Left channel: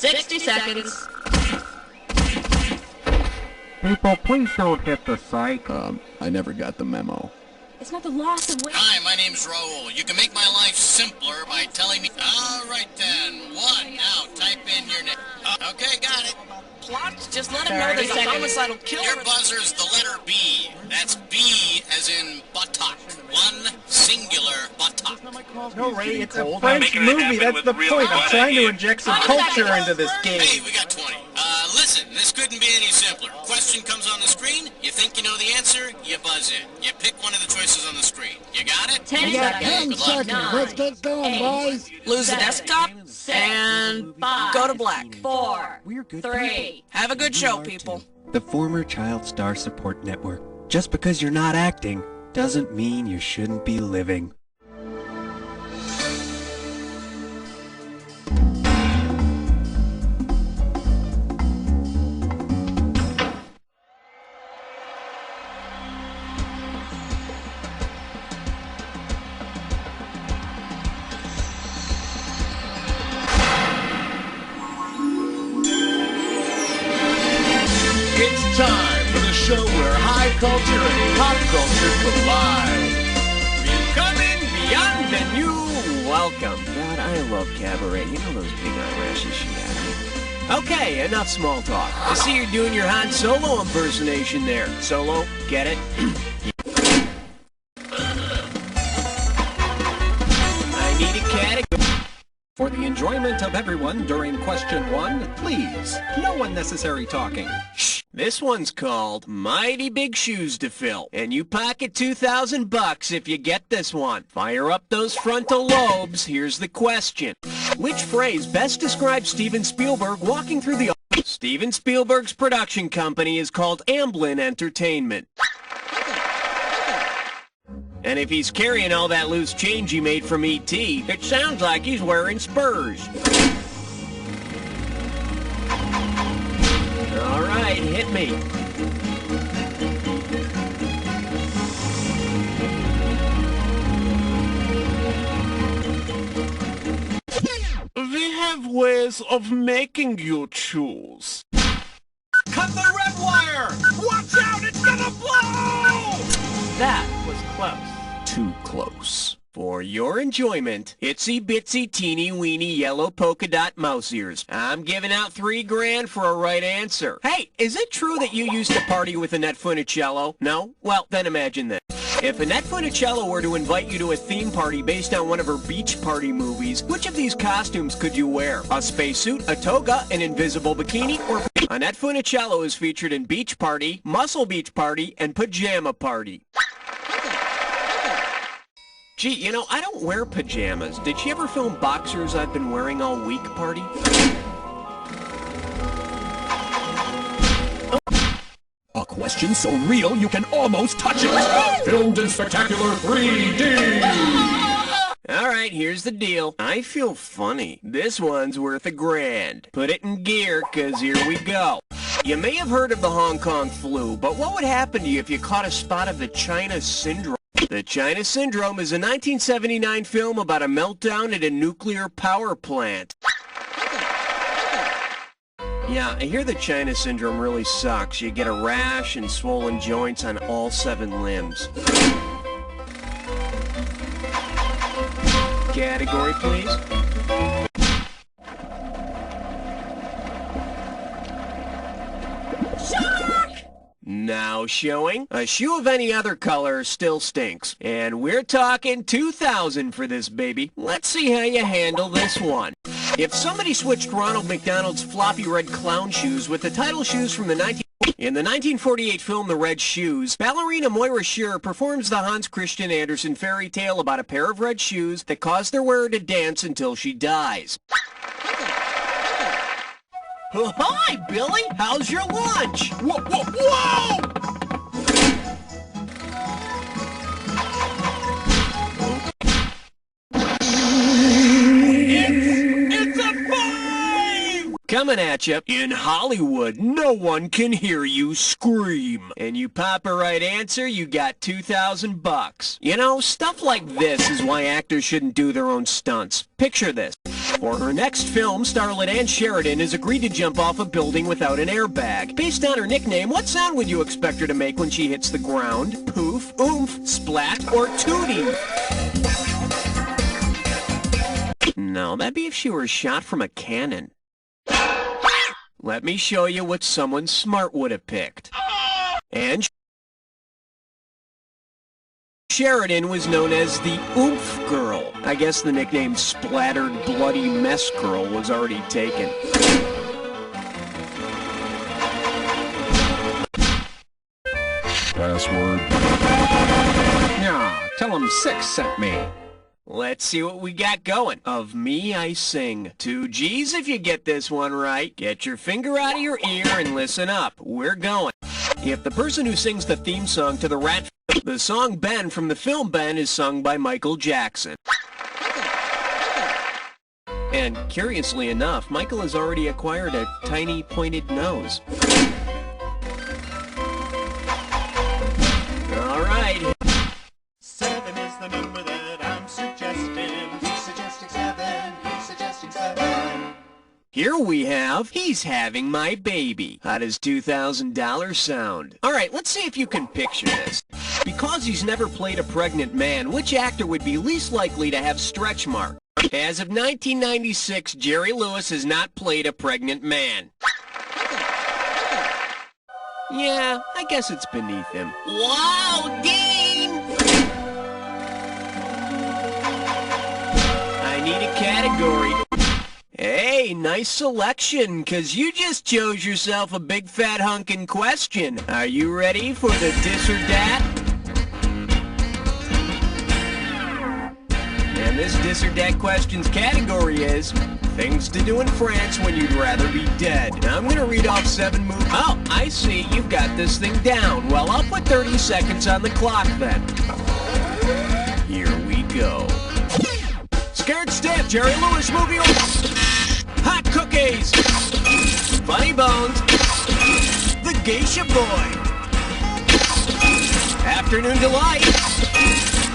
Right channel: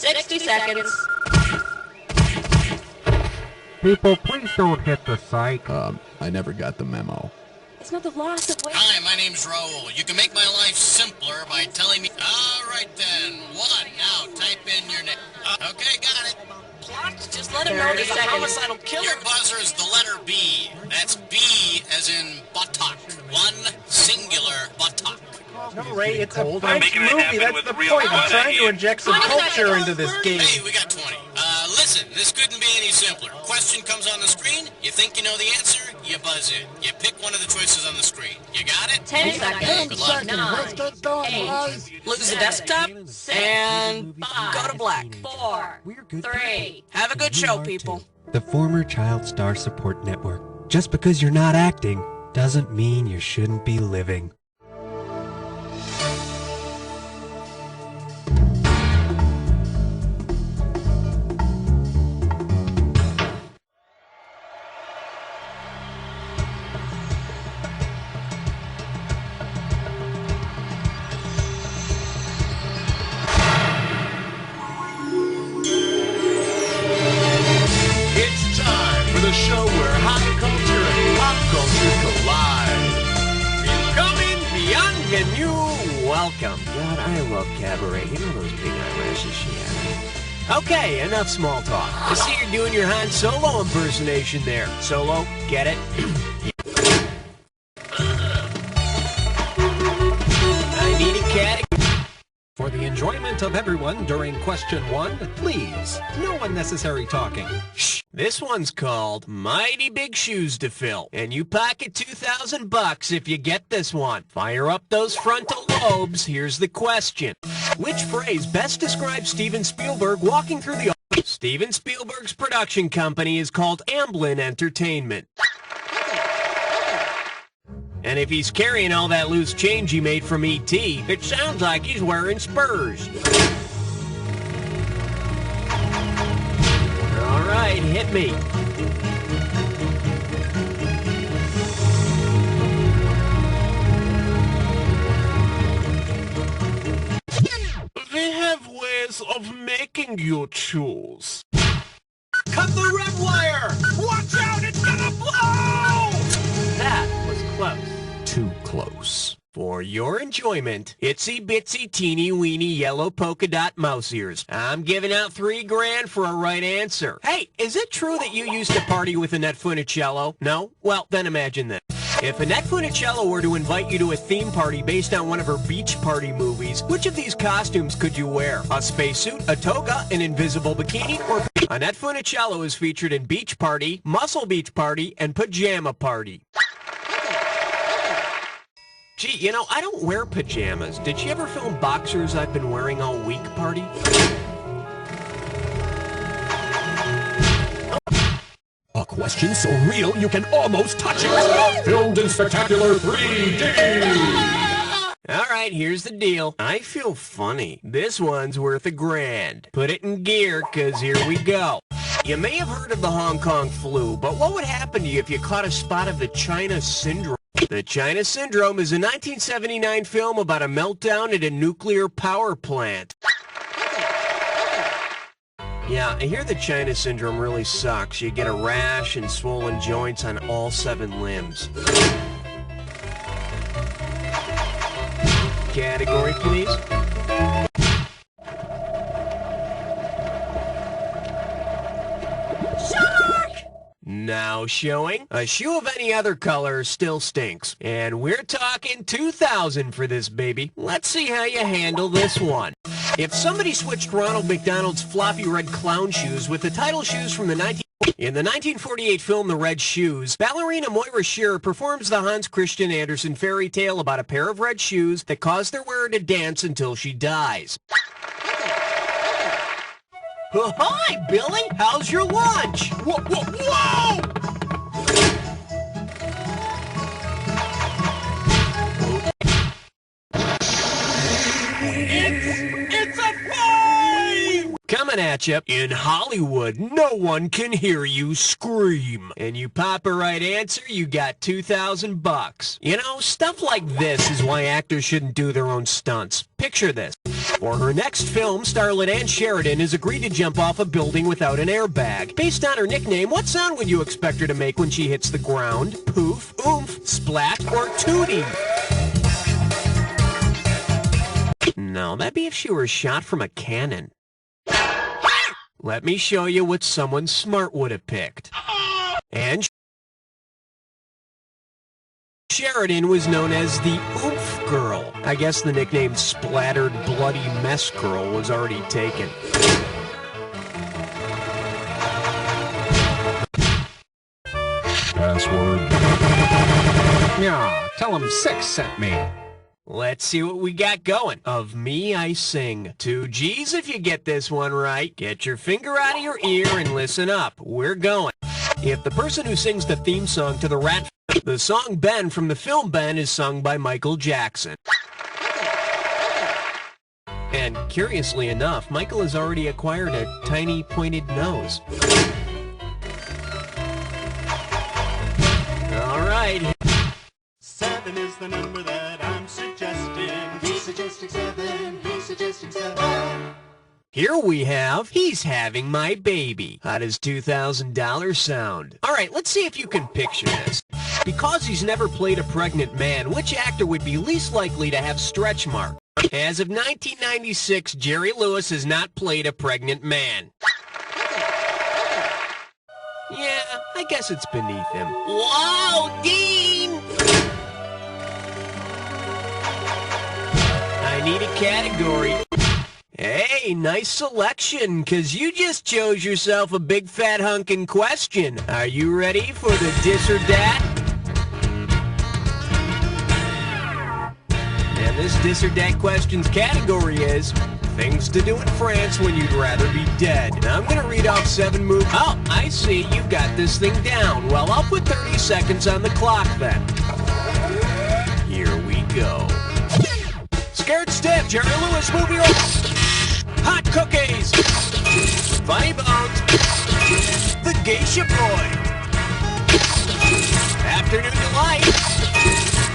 60 seconds. People, please don't hit the psych. I never got the memo. It's not the loss of weight. Hi, my name's Raoul. You can make my life simpler by telling me... All right, then. One. Now, type in your name. Okay, got it. Plot? Just let him know there's a homicidal killer. Your buzzer's the letter B. That's B as in buttock. One singular buttock. No, Ray, it's a French movie. That's the point. I'm trying to inject some culture into this game. Hey, we got 20. Listen, this couldn't be any simpler. Question comes on the screen. You think you know the answer, you buzz in. You pick one of the choices on the screen. You got it? 10 seconds. 10 seconds. Let's get going, boys. Lose the desktop and go to black. 4, 3. Have a good show, people. The former Child Star Support Network. Just because you're not acting doesn't mean you shouldn't be living. It's time for the show where high culture and pop culture collide. Coming beyond the new welcome. God, I love Cabaret. You know those big eyelashes she had. Okay, enough small talk. I see you're doing your Han Solo impersonation there. Solo, get it? I need a category. For the enjoyment of everyone during question 1, please, no unnecessary talking. Shh. This one's called Mighty Big Shoes to Fill, and you pocket $2,000 if you get this one. Fire up those frontal lobes. Here's the question. Which phrase best describes Steven Spielberg walking through the office? Steven Spielberg's production company is called Amblin Entertainment. And if he's carrying all that loose change he made from E.T., it sounds like he's wearing spurs. All right, hit me. We have ways of making you choose. Cut the red wire! Watch out, it's gonna blow! That was close. Too close. For your enjoyment, itsy bitsy teeny weeny yellow polka dot mouse ears. I'm giving out $3 grand for a right answer. Hey, is it true that you used to party with Annette Funicello? No? Well, then imagine this. If Annette Funicello were to invite you to a theme party based on one of her beach party movies, which of these costumes could you wear? A spacesuit, a toga, an invisible bikini, or... Annette Funicello is featured in Beach Party, Muscle Beach Party, and Pajama Party. Gee, you know, I don't wear pajamas. Did she ever film Boxers I've Been Wearing All Week Party? A question so real you can almost touch it! Filmed in spectacular 3D! All right, here's the deal. I feel funny. This one's worth $1 grand. Put it in gear, 'cause here we go. You may have heard of the Hong Kong flu, but what would happen to you if you caught a spot of the China Syndrome? The China Syndrome is a 1979 film about a meltdown at a nuclear power plant. Yeah, I hear the China Syndrome really sucks. You get a rash and swollen joints on all 7 limbs. Category, please. Now showing, a shoe of any other color still stinks. And we're talking $2,000 for this baby. Let's see how you handle this one. If somebody switched Ronald McDonald's floppy red clown shoes with the title shoes from the In the 1948 film The Red Shoes, ballerina Moira Shearer performs the Hans Christian Andersen fairy tale about a pair of red shoes that cause their wearer to dance until she dies. Hi, Billy! How's your lunch? Whoa, whoa, whoa! It's a 5! coming at you. In Hollywood, no one can hear you scream. And you pop a right answer, you got $2,000. You know, stuff like this is why actors shouldn't do their own stunts. Picture this. For her next film, starlet Ann Sheridan has agreed to jump off a building without an airbag. Based on her nickname, what sound would you expect her to make when she hits the ground? Poof, oomph, splat, or tootie? No, that'd be if she were shot from a cannon. Let me show you what someone smart would have picked. And Sheridan was known as the Oomph Girl. I guess the nickname Splattered Bloody Mess Girl was already taken. Password. Yeah, tell him 6 sent me. Let's see what we got going. Of me, I sing. 2 G's if you get this one right. Get your finger out of your ear and listen up. We're going. If the person who sings the theme song to the song Ben from the film Ben is sung by Michael Jackson. And curiously enough, Michael has already acquired a tiny pointed nose. All right. 7 is the number that I'm suggesting. He's suggesting 7. He's suggesting 7. Here we have, he's having my baby. How does $2,000 sound? All right, let's see if you can picture this. Because he's never played a pregnant man, which actor would be least likely to have stretch marks? As of 1996, Jerry Lewis has not played a pregnant man. Yeah, I guess it's beneath him. Wow, Dean! I need a category. Hey, nice selection, 'cause you just chose yourself a big fat hunkin' question. Are you ready for the dis or dat? And this dis or dat question's category is things to do in France when you'd rather be dead. Now I'm gonna read off 7 movies. Oh, I see, you've got this thing down. Well, I'll put 30 seconds on the clock then. Here we go. Scared Stiff, Jerry Lewis movie or Hot Cookies, Funny Bones, The Geisha Boy, Afternoon Delight,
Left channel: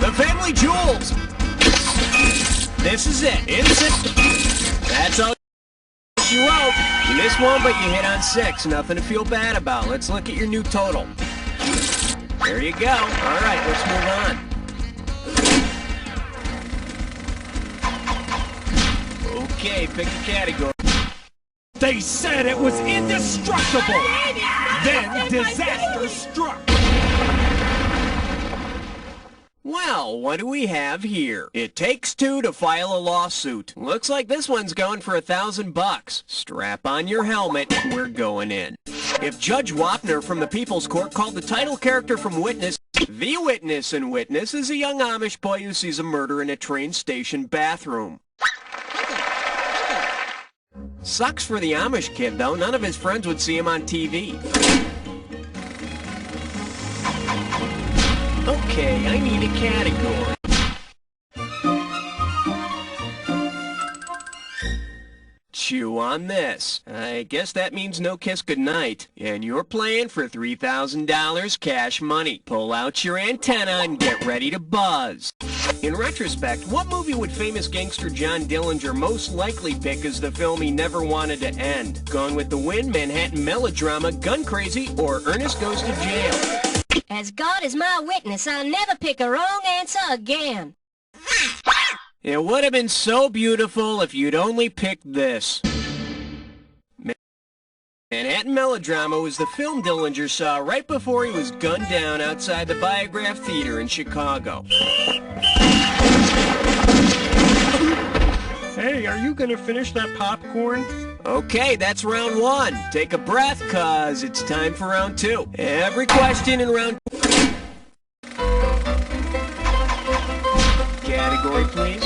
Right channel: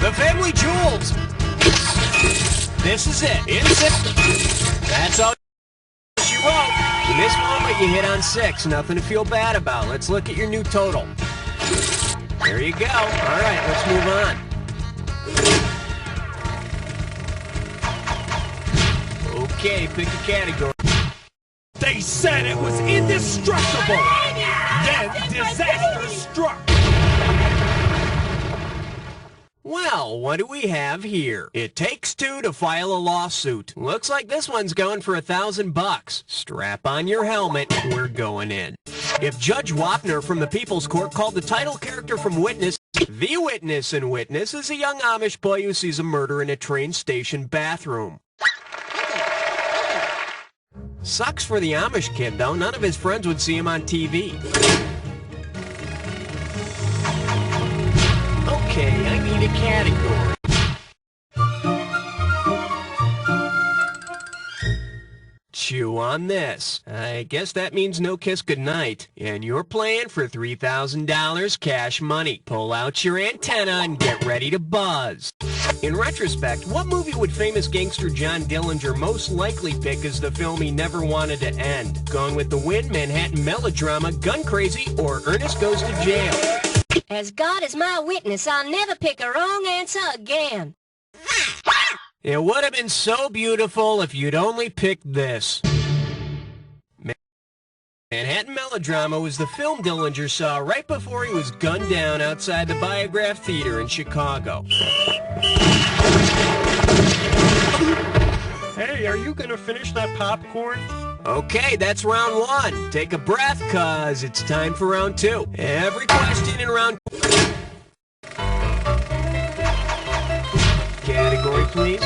The Family Jewels. This is it. That's all she wrote. You missed one, but you hit on 6. Nothing to feel bad about. Let's look at your new total. There you go. All right, let's move on. Okay, pick a category. They said it was indestructible. Then disaster struck. Well, what do we have here? It takes 2 to file a lawsuit. Looks like this one's going for $1,000. Strap on your helmet. We're going in. If Judge Wapner from the People's Court called the title character from Witness, the witness in Witness is a young Amish boy who sees a murder in a train station bathroom. Sucks for the Amish kid, though. None of his friends would see him on TV. Okay, I need a category. Chew on this. I guess that means no kiss goodnight. And you're playing for $3,000 cash money. Pull out your antenna and get ready to buzz. In retrospect, what movie would famous gangster John Dillinger most likely pick as the film he never wanted to end? Gone with the Wind, Manhattan Melodrama, Gun Crazy, or Ernest Goes to Jail? As God is my witness, I'll never pick a wrong answer again. It would have been so beautiful if you'd only picked this. Manhattan Melodrama was the film Dillinger saw right before he was gunned down outside the Biograph Theater in Chicago. Hey, are you gonna finish that popcorn? Okay, that's round 1. Take a breath, cause it's time for round 2. Every question in round... Category, please.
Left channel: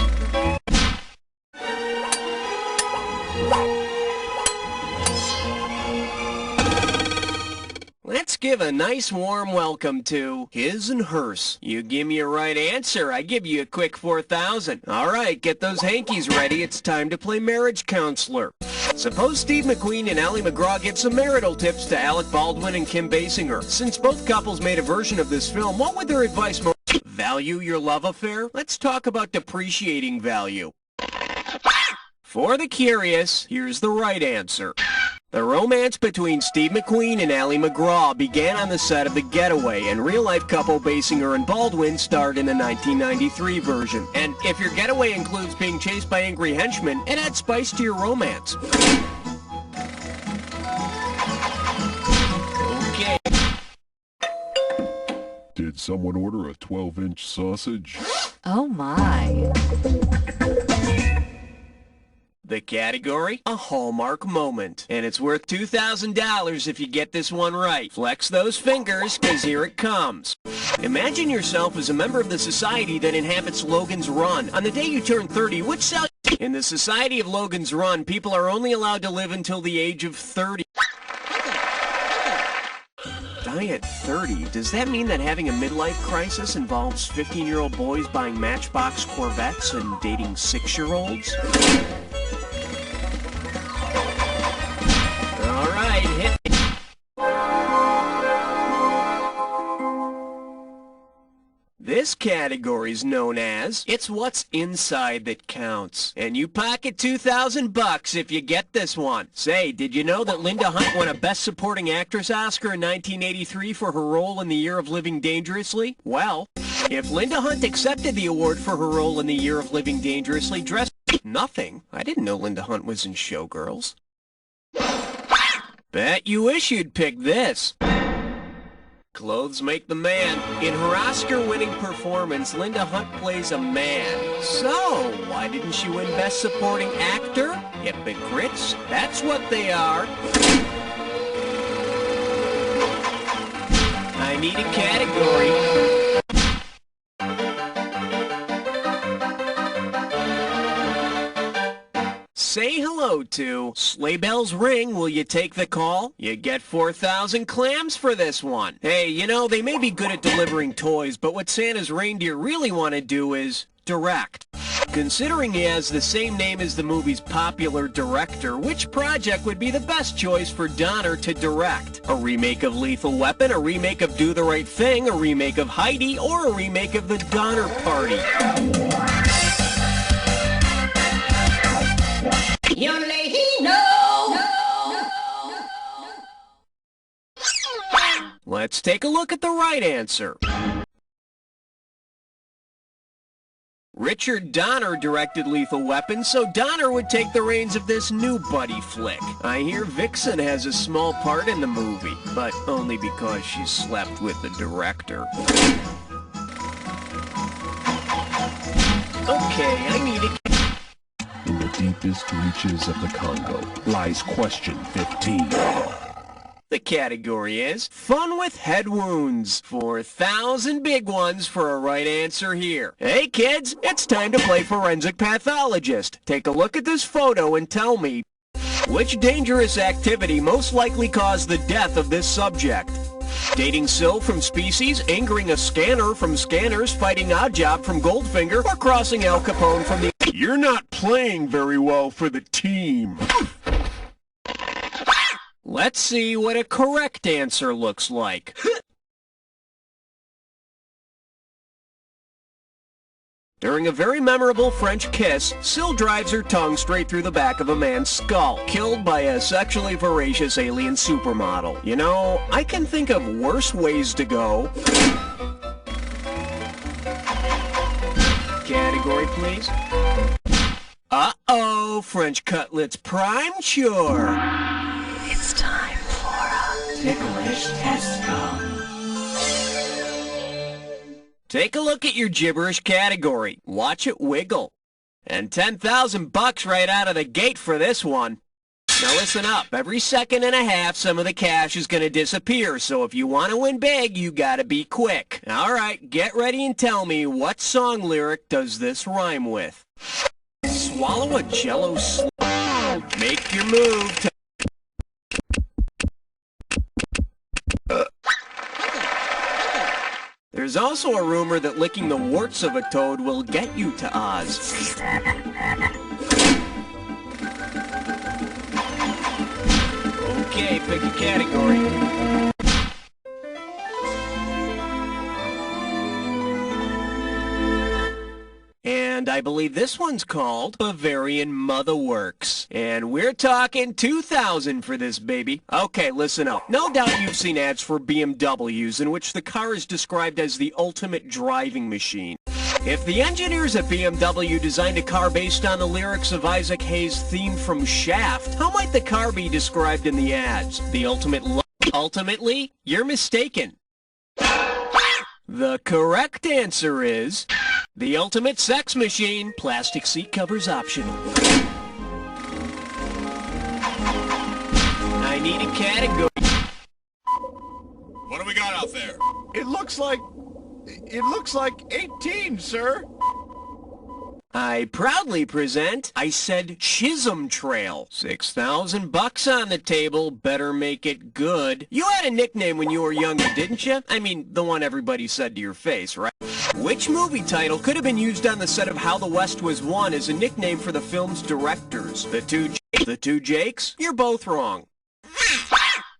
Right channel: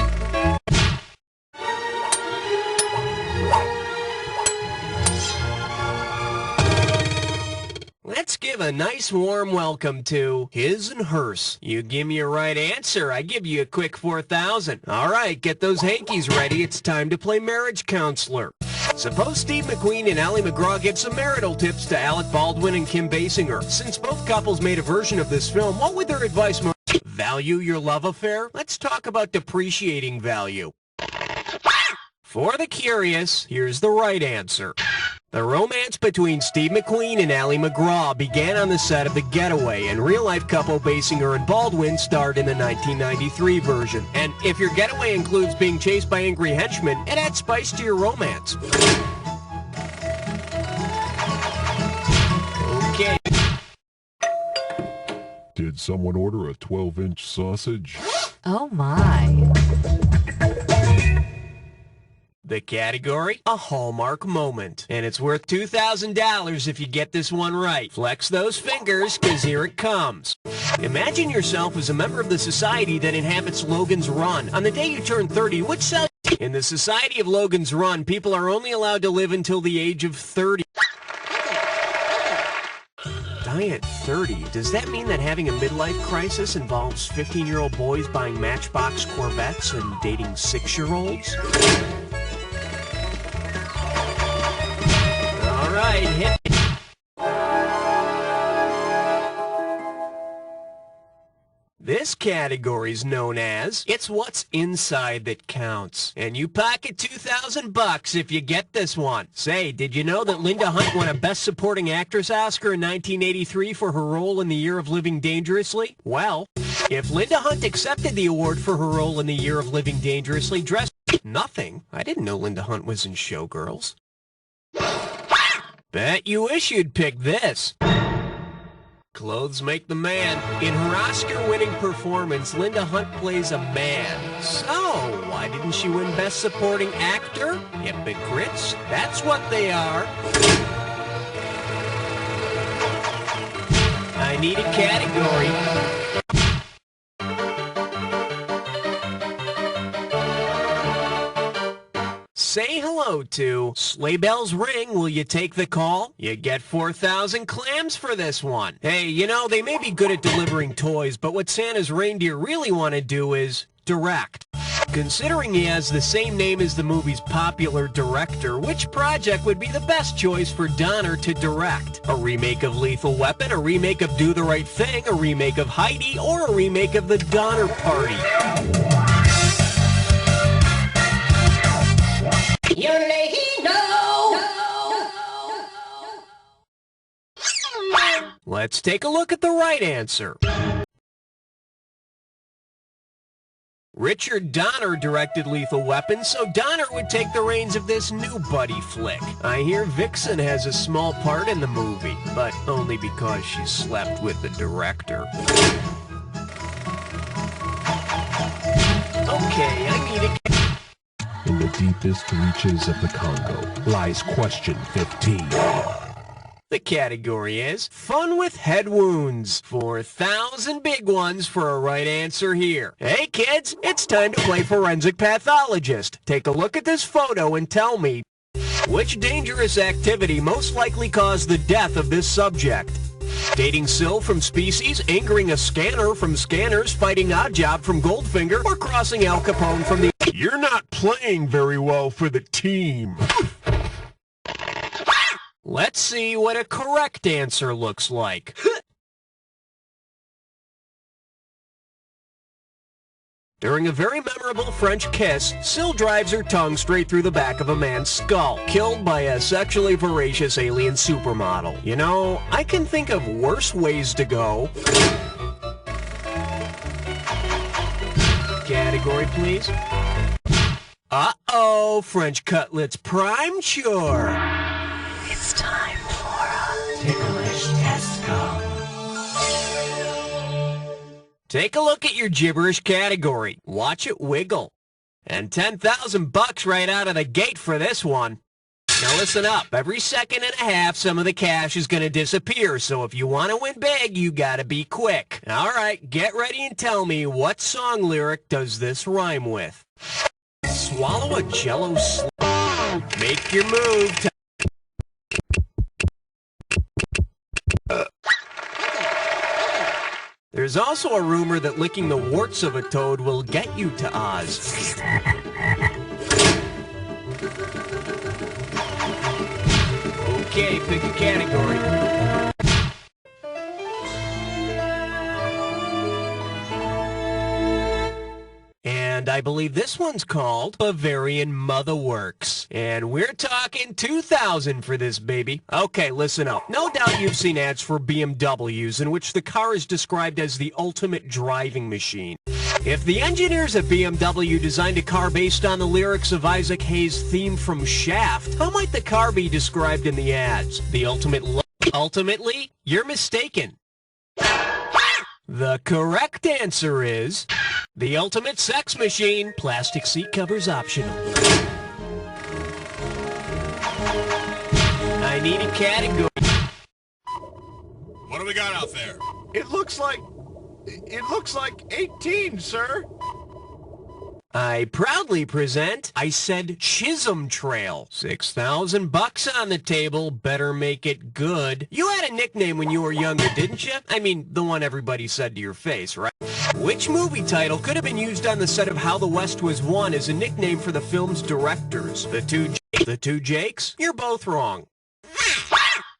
Let's give a nice warm welcome to his and hers. You give me a right answer, I give you a quick $4,000. All right, get those hankies ready. It's time to play marriage counselor. Suppose Steve McQueen and Ally McGraw give some marital tips to Alec Baldwin and Kim Basinger. Since both couples made a version of this film, what would their advice most value your love affair? Let's talk about depreciating value. For the curious, here's the right answer. The romance between Steve McQueen and Ally McGraw began on the set of The Getaway, and real-life couple Basinger and Baldwin starred in the 1993 version. And if your getaway includes being chased by angry henchmen, it adds spice to your romance. Okay. Did someone order a 12-inch sausage? Oh my. The category, a Hallmark moment. And it's worth $2,000 if you get this one right. Flex those fingers, because here it comes. Imagine yourself as a member of the society that inhabits Logan's Run. On the day you turn 30, which cell... In the society of Logan's Run, people are only allowed to live until the age of 30. Die at 30? Does that mean that having a midlife crisis involves 15-year-old boys buying Matchbox Corvettes and dating 6-year-olds? All right, hit me. This category is known as It's What's Inside That Counts. And you pocket $2,000 if you get this one. Say, did you know that Linda Hunt won a Best Supporting Actress Oscar in 1983 for her role in The Year of Living Dangerously? Well, if Linda Hunt accepted the award for her role in The Year of Living Dangerously, dressed... Nothing. I didn't know Linda Hunt was in Showgirls. Bet you wish you'd picked this. Clothes make the man. In her Oscar-winning performance, Linda Hunt plays a man. So, why didn't she win Best Supporting Actor? Hypocrites. That's what they are. I need a category. Say hello to Sleigh Bells Ring, will you take the call? You get 4,000 clams for this one. Hey, you know, they may be good at delivering toys, but what Santa's reindeer really want to do is direct. Considering he has the same name as the movie's popular director, which project would be the best choice for Donner to direct? A remake of Lethal Weapon, a remake of Do the Right Thing, a remake of Heidi, or a remake of The Donner Party? Let's take a look at the right answer. Richard Donner directed Lethal Weapon, so Donner would take the reins of this new buddy flick. I hear Vixen has a small part in the movie, but only because she slept with the director. Okay, I need a... In the deepest reaches of the Congo lies question 15. The category is Fun with Head Wounds. 4,000 big ones for a right answer here. Hey kids, it's time to play Forensic Pathologist. Take a look at this photo and tell me, which dangerous activity most likely caused the death of this subject? Dating Syl from Species, angering a scanner from Scanners, fighting Oddjob from Goldfinger, or crossing Al Capone from the... You're not playing very well for the team. Let's see what a correct answer looks like. During a very memorable French kiss, Syl drives her tongue straight through the back of a man's skull, killed by a sexually voracious alien supermodel. You know, I can think of worse ways to go. Category, please. Uh-oh, French cutlets prime chore. It's time for a ticklish test come. Take a look at your gibberish category. Watch it wiggle. And $10,000 right out of the gate for this one. Now listen up. Every second and a half, some of the cash is going to disappear. So if you want to win big, you got to be quick. All right, get ready and tell me what song lyric does this rhyme with? Swallow a Jello Make your move. There's also a rumor that licking the warts of a toad will get you to Oz. Okay, pick a category. And I believe this one's called Bavarian Mother Works. And we're talking 2,000 for this baby. Okay, listen up. No doubt you've seen ads for BMWs in which the car is described as the ultimate driving machine. If the engineers at BMW designed a car based on the lyrics of Isaac Hayes' theme from Shaft, how might the car be described in the ads? The ultimate Ultimately, you're mistaken. The correct answer is the ultimate sex machine. Plastic seat covers optional. I need a category. What do we got out there? It looks like 18, sir. I proudly present, I said Chisholm Trail. $6,000 on the table, better make it good. You had a nickname when you were younger, didn't you? I mean, the one everybody said to your face, right? Which movie title could have been used on the set of How the West Was Won as a nickname for the film's directors? The two Jakes? You're both wrong.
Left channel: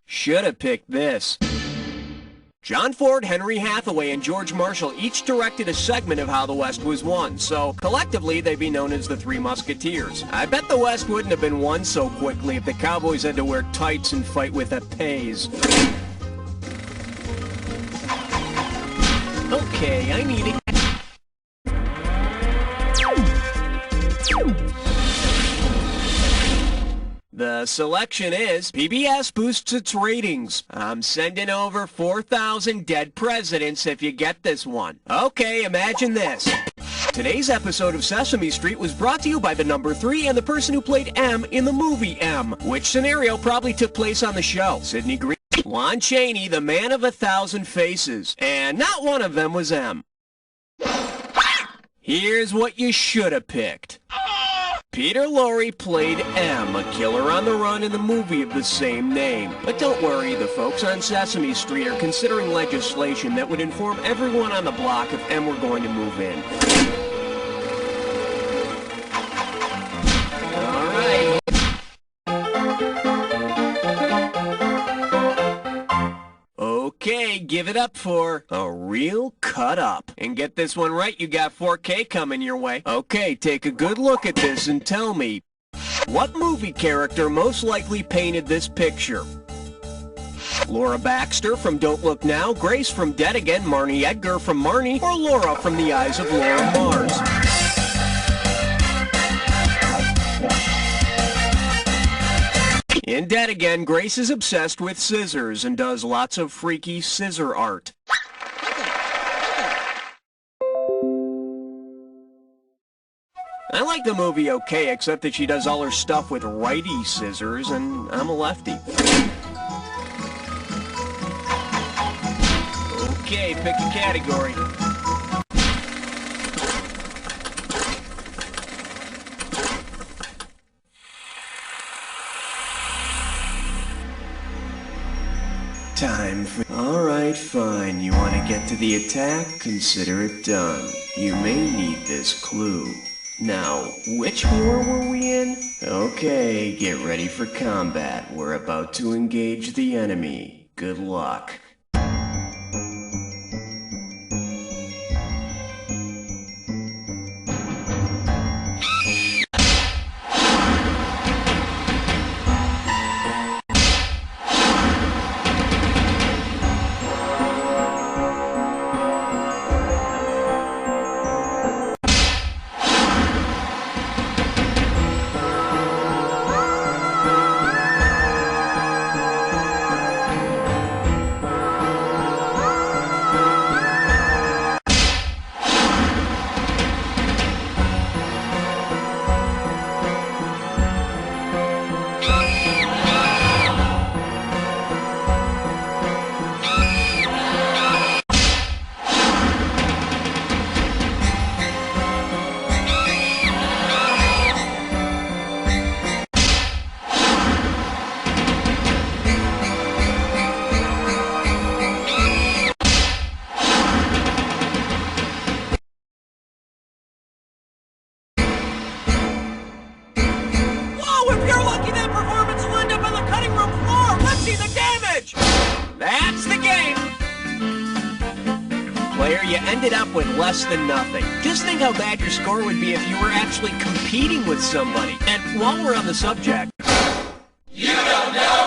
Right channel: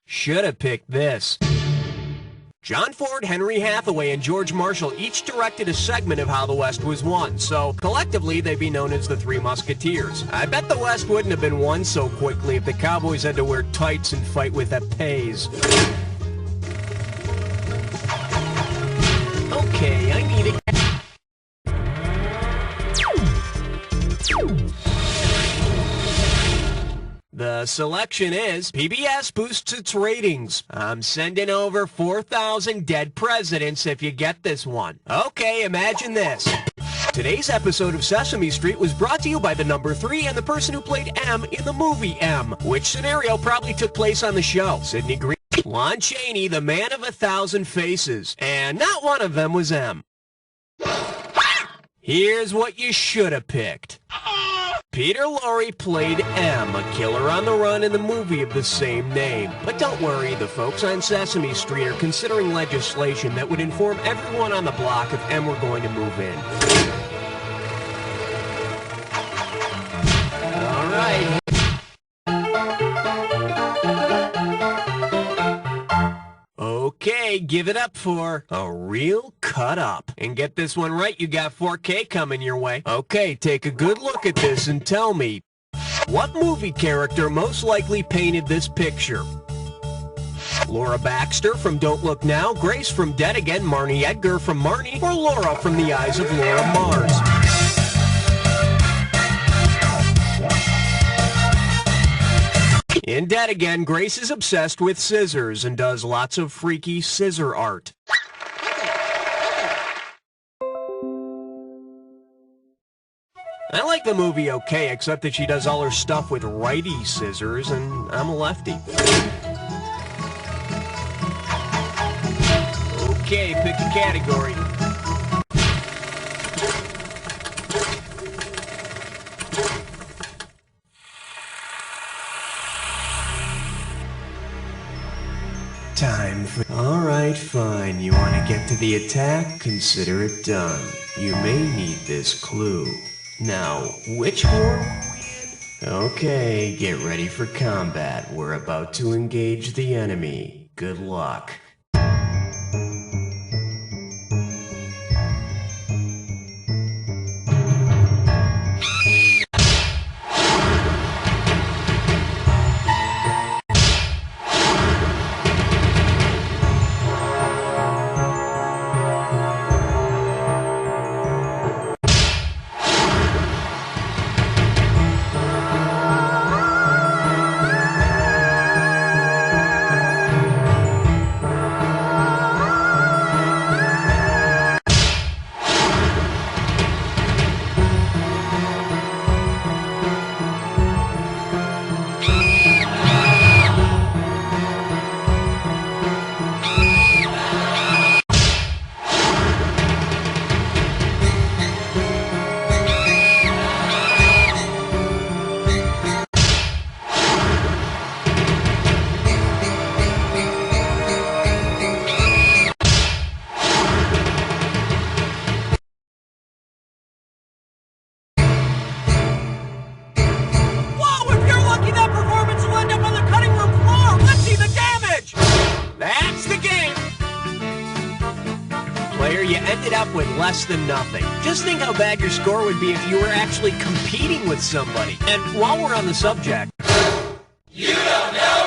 Should have picked this. John Ford, Henry Hathaway, and George Marshall each directed a segment of How the West Was Won, so collectively they'd be known as the Three Musketeers. I bet the West wouldn't have been won so quickly if the Cowboys had to wear tights and fight with épées. Okay, I need it. The selection is PBS boosts its ratings. I'm sending over 4,000 dead presidents if you get this one. Okay, imagine this. Today's episode of Sesame Street was brought to you by the number 3 and the person who played M in the movie M. Which scenario probably took place on the show? Sidney Green, Lon Chaney, the man of 1,000 faces. And not one of them was M. Here's what you should have picked. Peter Lorre played M, a killer on the run in the movie of the same name. But don't worry, the folks on Sesame Street are considering legislation that would inform everyone on the block if M were going to move in. All right. Okay, give it up for A Real Cut Up. And get this one right, you got 4K coming your way. Okay, take a good look at this and tell me, what movie character most likely painted this picture? Laura Baxter from Don't Look Now, Grace from Dead Again, Marnie Edgar from Marnie, or Laura from The Eyes of Laura Mars? In Dead Again, Grace is obsessed with scissors and does lots of freaky scissor art. I like the movie okay, except that she does all her stuff with righty scissors, and I'm a lefty. Okay, pick a category. Time for... Alright, fine. You want to get to the attack? Consider it done. You may need this clue. Now, which war were we in? Okay, get ready for combat. We're about to engage the enemy. Good luck. That's the game! Player, you ended up with less than nothing. Just think how bad your score would be if you were actually competing with somebody. And while we're on the subject... You don't know